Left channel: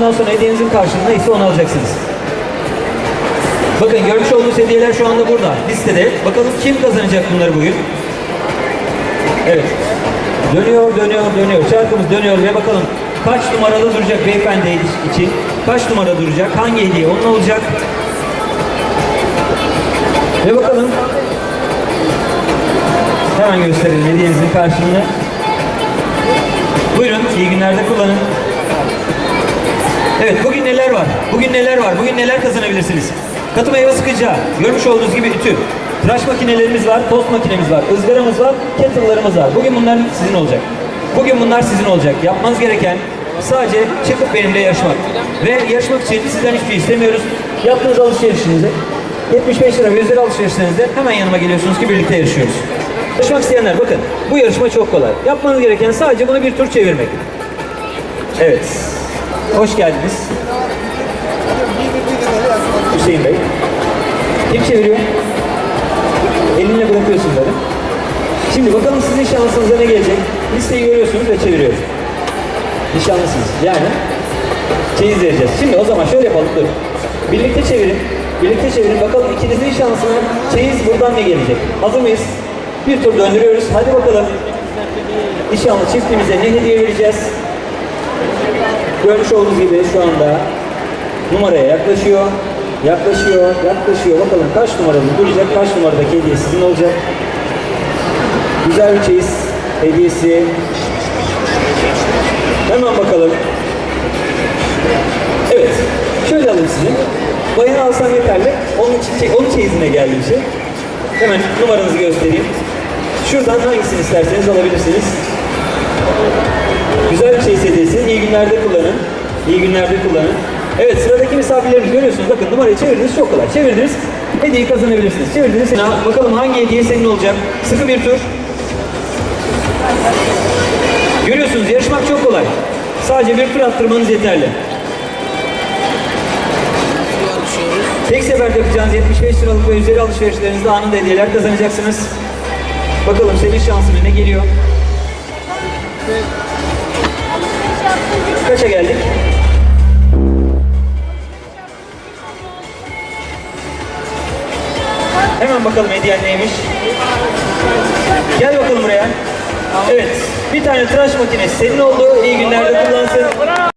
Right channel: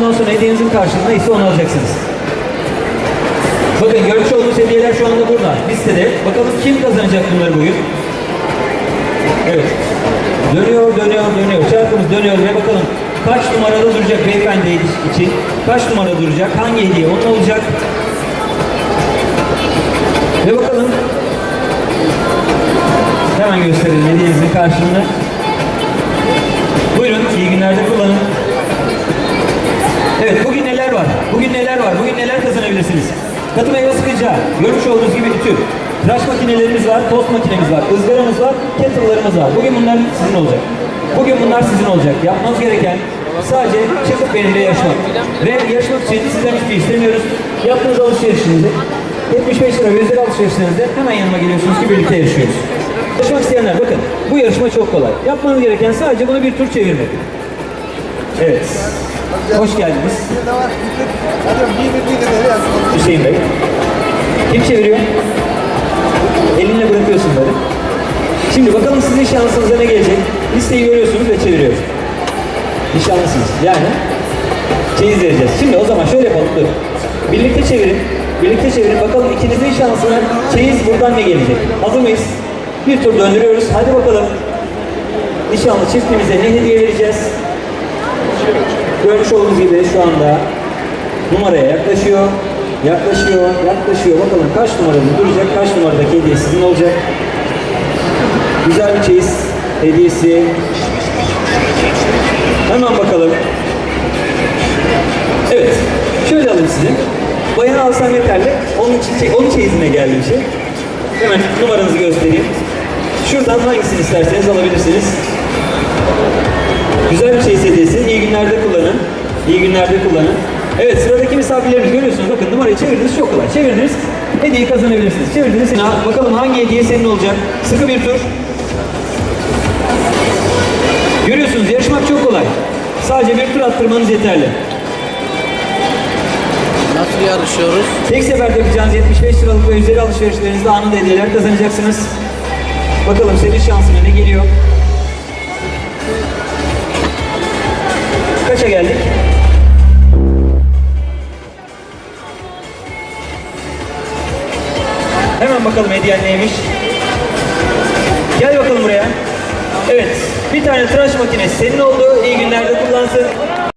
Ondan sonra hediyenizin karşılığında ise onu alacaksınız. Bakın görmüş olduğunuz hediyeler şu anda burada. Listede. Bakalım kim kazanacak bunları bugün? Evet. Dönüyor, dönüyor, dönüyor. Çarkımız dönüyor ve bakalım kaç numarada duracak beyefendi için? Kaç numara duracak? Hangi hediye onun olacak? Ve bakalım. Hemen gösterelim hediyenizin karşılığını. Bugün neler var? Bugün neler kazanabilirsiniz? Katı meyve sıkıcı, görmüş olduğunuz gibi ütü. Tıraş makinelerimiz var, tost makinemiz var, ızgaramız var, kettle'larımız var. Bugün bunlar sizin olacak. Bugün bunlar sizin olacak. Yapmanız gereken sadece çıkıp benimle yarışmak. Ve yarışmak için sizden hiçbir şey istemiyoruz. Yaptığınız alışverişinizi 75 lira ve üzeri alışverişlerinizde hemen yanıma geliyorsunuz ki birlikte yarışıyoruz. Yarışmak isteyenler bakın bu yarışma çok kolay. Yapmanız gereken sadece bunu bir tur çevirmek. Evet. Hoş geldiniz. Hüseyin Bey. Kim çeviriyor? Elinle bırakıyorsun böyle. Şimdi bakalım sizin şansınıza ne gelecek? Listeyi görüyorsunuz ve çeviriyoruz. Nişanlısınız. Yani çeyiz vereceğiz. Şimdi o zaman şöyle yapalım dur. Birlikte çevirin. Birlikte çevirin. Bakalım ikinizin şansına çeyiz buradan ne gelecek? Hazır mıyız? Bir tur döndürüyoruz. Hadi bakalım. Nişanlı çiftimize ne hediye vereceğiz? Görmüş olduğunuz gibi şu anda numaraya yaklaşıyor. Yaklaşıyor, yaklaşıyor. Bakalım kaç numarada duracak, kaç numaradaki hediye sizin olacak. Güzel bir çeyiz hediyesi. Hemen bakalım. Evet, şöyle alayım sizi. Bayanı alsam yeterli. Onun için onun çeyizine geldi bir. Hemen numaranızı göstereyim. Şuradan hangisini isterseniz alabilirsiniz. Güzel bir şey hediyesi. İyi günlerde kullanın. İyi günlerde kullanın. Evet sıradaki misafirlerimiz görüyorsunuz. Bakın numarayı çevirdiniz çok kolay. Çevirdiniz. Hediyeyi kazanabilirsiniz. Çevirdiniz. Bakalım hangi hediye senin olacak. Sıkı bir tur. Görüyorsunuz yarışmak çok kolay. Sadece bir tur attırmanız yeterli. Nasıl yarışıyoruz? Tek seferde yapacağınız 75 liralık ve üzeri alışverişlerinizde anında hediyeler kazanacaksınız. Bakalım senin şansına ne Hemen bakalım hediyen neymiş. Gel bakalım buraya. Evet. Bir tane tıraş makinesi senin oldu. İyi günlerde kullansın.